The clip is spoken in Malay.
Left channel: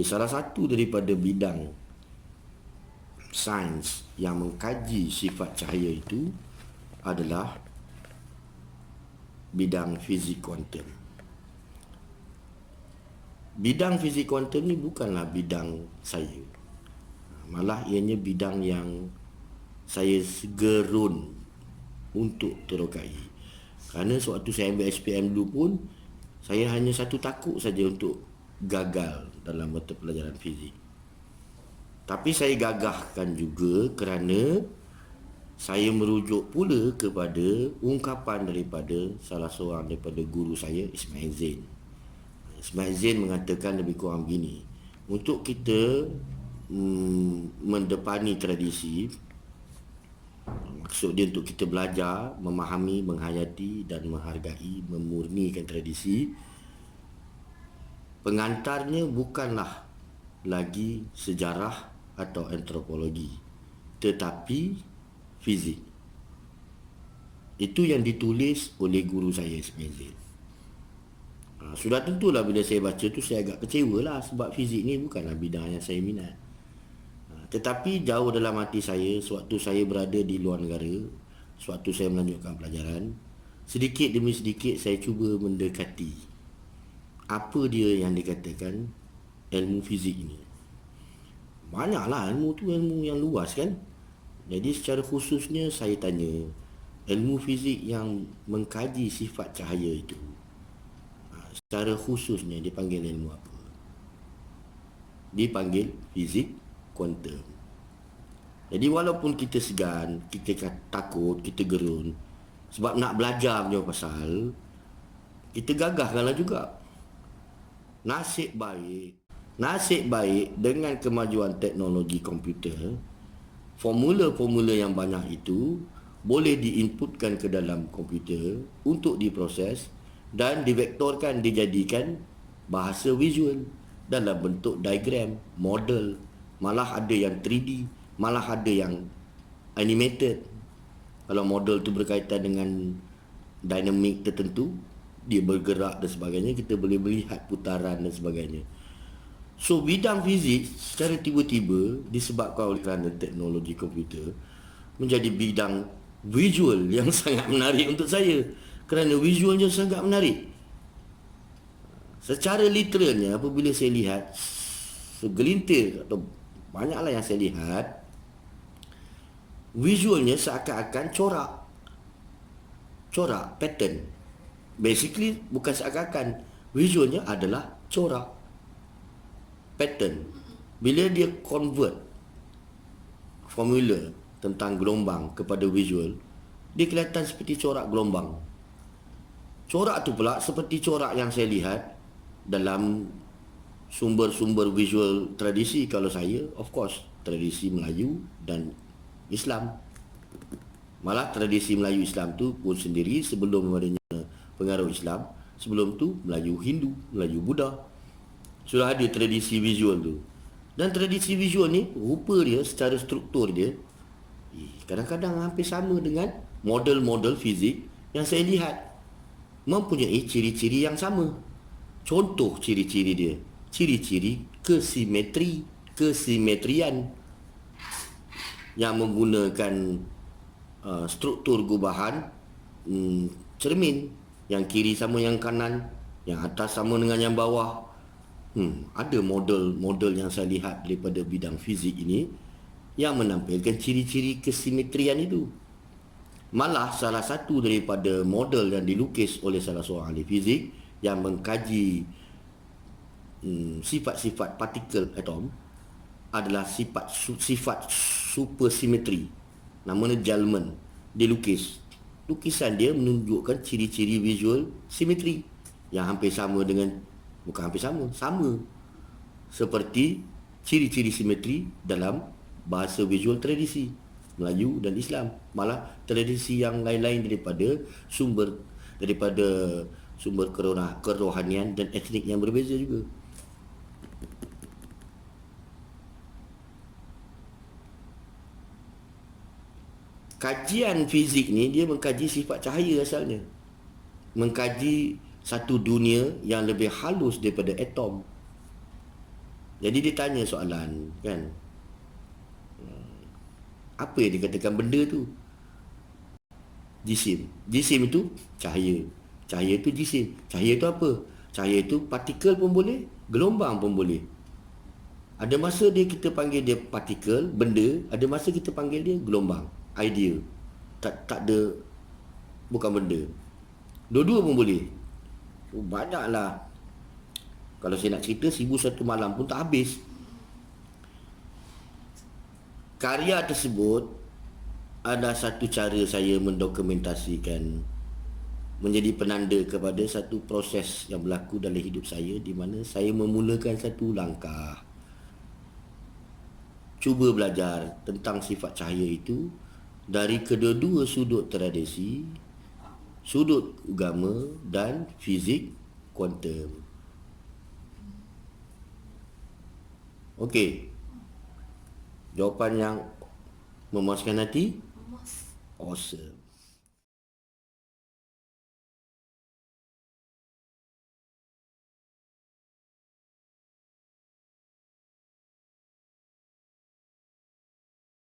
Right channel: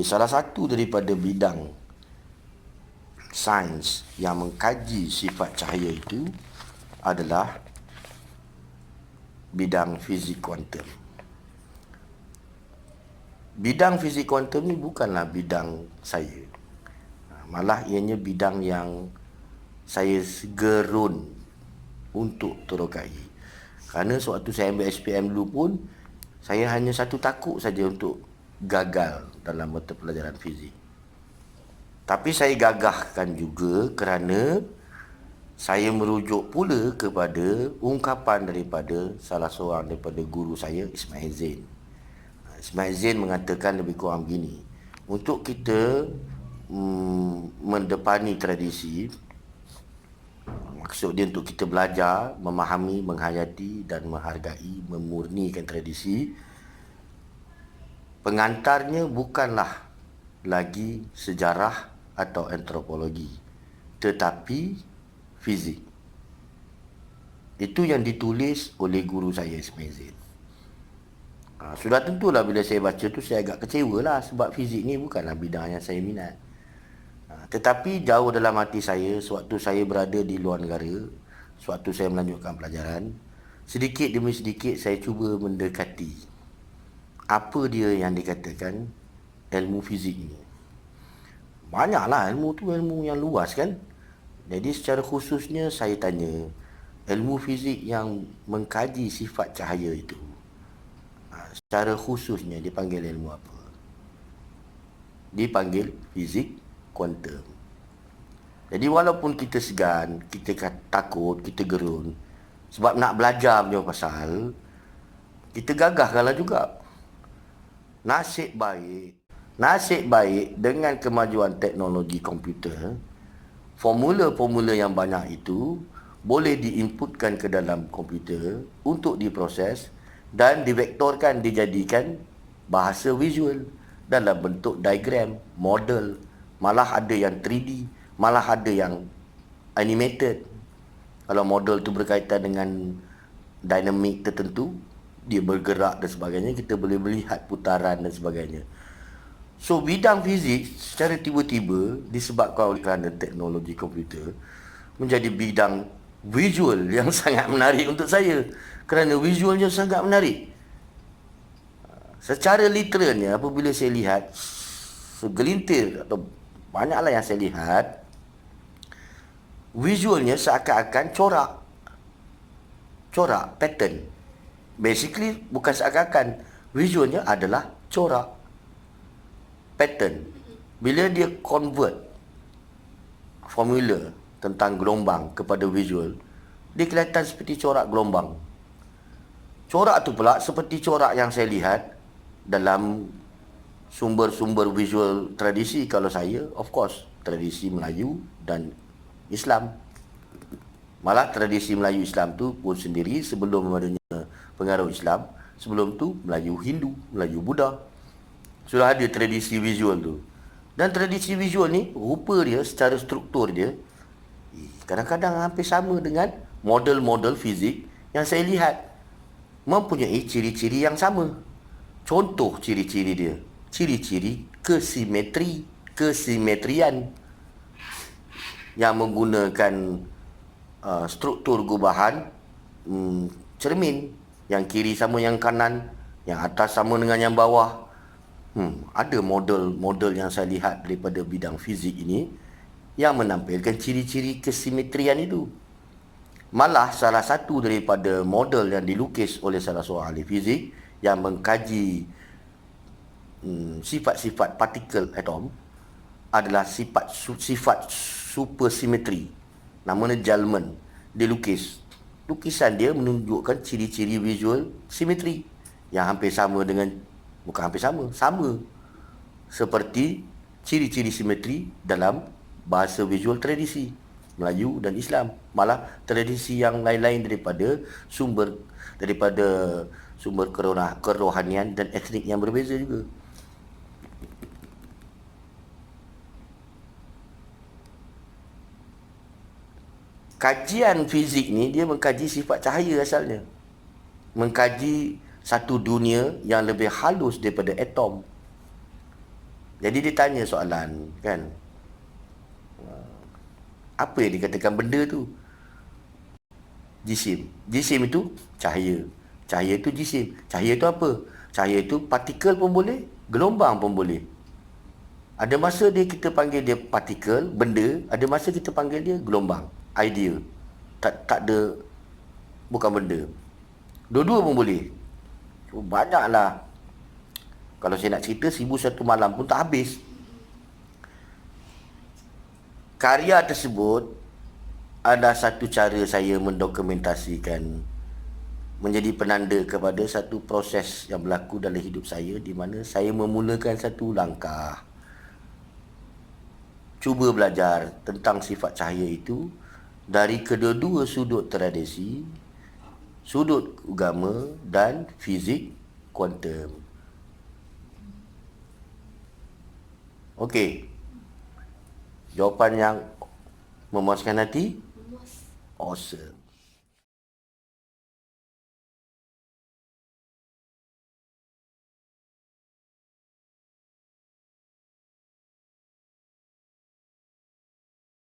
Salah satu daripada bidang sains yang mengkaji sifat cahaya itu adalah bidang fizik kuantum. Bidang fizik kuantum ni bukanlah bidang saya. Malah ianya bidang yang saya gerun untuk terokai. Kerana sewaktu saya ambil SPM dulu pun, saya hanya satu takut saja untuk gagal dalam mata pelajaran fizik. Tapi saya gagahkan juga kerana saya merujuk pula kepada ungkapan daripada salah seorang daripada guru saya, Ismail Zain. Ismail Zain mengatakan lebih kurang begini: untuk kita mendepani tradisi, maksud dia untuk kita belajar, memahami, menghayati dan menghargai, memurnikan tradisi, pengantarnya bukanlah lagi sejarah atau antropologi, tetapi fizik. Itu yang ditulis oleh guru saya, Ismail Zain. Sudah tentulah bila saya baca tu saya agak kecewa lah, sebab fizik ni bukanlah bidang yang saya minat. Tetapi jauh dalam hati saya, sewaktu saya berada di luar negara, sewaktu saya melanjutkan pelajaran, sedikit demi sedikit saya cuba mendekati apa dia yang dikatakan ilmu fizik ini. Banyaklah ilmu tu, ilmu yang luas kan. Jadi secara khususnya saya tanya, ilmu fizik yang mengkaji sifat cahaya itu, secara khususnya dipanggil ilmu apa? Dipanggil fizik kuantum. Jadi walaupun kita segan, kita takut, kita gerun, sebab nak belajar punya pasal, kita gagahkanlah juga. Nasib baik dengan kemajuan teknologi komputer, formula-formula yang banyak itu boleh diinputkan ke dalam komputer untuk diproses dan divektorkan, dijadikan bahasa visual dalam bentuk diagram, model. Malah ada yang 3D, malah ada yang animated. Kalau model tu berkaitan dengan dinamik tertentu, dia bergerak dan sebagainya, kita boleh melihat putaran dan sebagainya. So bidang fizik secara tiba-tiba disebabkan oleh kerana teknologi komputer menjadi bidang visual yang sangat menarik untuk saya. Kerana visualnya sangat menarik. Secara literalnya, apabila saya lihat segelintir atau banyaklah yang saya lihat, visualnya seakan-akan corak, pattern. Basically bukan seakan-akan, visualnya adalah corak, pattern. Bila dia convert formula tentang gelombang kepada visual, dia kelihatan seperti corak gelombang. Corak tu pula seperti corak yang saya lihat dalam sumber-sumber visual tradisi. Kalau saya, of course, tradisi Melayu dan Islam. Malah tradisi Melayu Islam tu pun sendiri, sebelum adanya pengaruh Islam, sebelum tu Melayu Hindu, Melayu Buddha, sudah ada tradisi visual tu. Dan tradisi visual ni, rupa dia, secara struktur dia, kadang-kadang hampir sama dengan model-model fizik yang saya lihat. Mempunyai ciri-ciri yang sama. Contoh ciri-ciri dia, ciri-ciri kesimetrian yang menggunakan struktur gubahan cermin, yang kiri sama yang kanan, yang atas sama dengan yang bawah. Ada model-model yang saya lihat daripada bidang fizik ini yang menampilkan ciri-ciri kesimetrian itu. Malah salah satu daripada model yang dilukis oleh salah seorang ahli fizik yang mengkaji sifat-sifat partikel atom adalah sifat supersimetri. Namanya Gelman. Dia lukis. Lukisan dia menunjukkan ciri-ciri visual simetri yang hampir sama dengan, bukan hampir sama, sama seperti ciri-ciri simetri dalam bahasa visual tradisi Melayu dan Islam. Malah tradisi yang lain-lain daripada sumber kerohanian dan etnik yang berbeza juga. Kajian fizik ni dia mengkaji sifat cahaya asalnya. Mengkaji satu dunia yang lebih halus daripada atom. Jadi dia tanya soalan kan, apa yang dikatakan benda tu? Jisim. Jisim itu cahaya. Cahaya itu jisim. Cahaya itu apa? Cahaya itu partikel pun boleh, gelombang pun boleh. Ada masa kita panggil dia partikel, benda, ada masa kita panggil dia gelombang, idea. Tak ada, bukan benda. Dua-dua pun boleh. So, banyaklah. Kalau saya nak cerita 1001 malam pun tak habis. Karya tersebut adalah satu cara saya mendokumentasikan, menjadi penanda kepada satu proses yang berlaku dalam hidup saya, di mana saya memulakan satu langkah cuba belajar tentang sifat cahaya itu dari kedua-dua sudut tradisi, sudut agama dan fizik kuantum. Okey. Jawapan yang memuaskan hati? Awesome.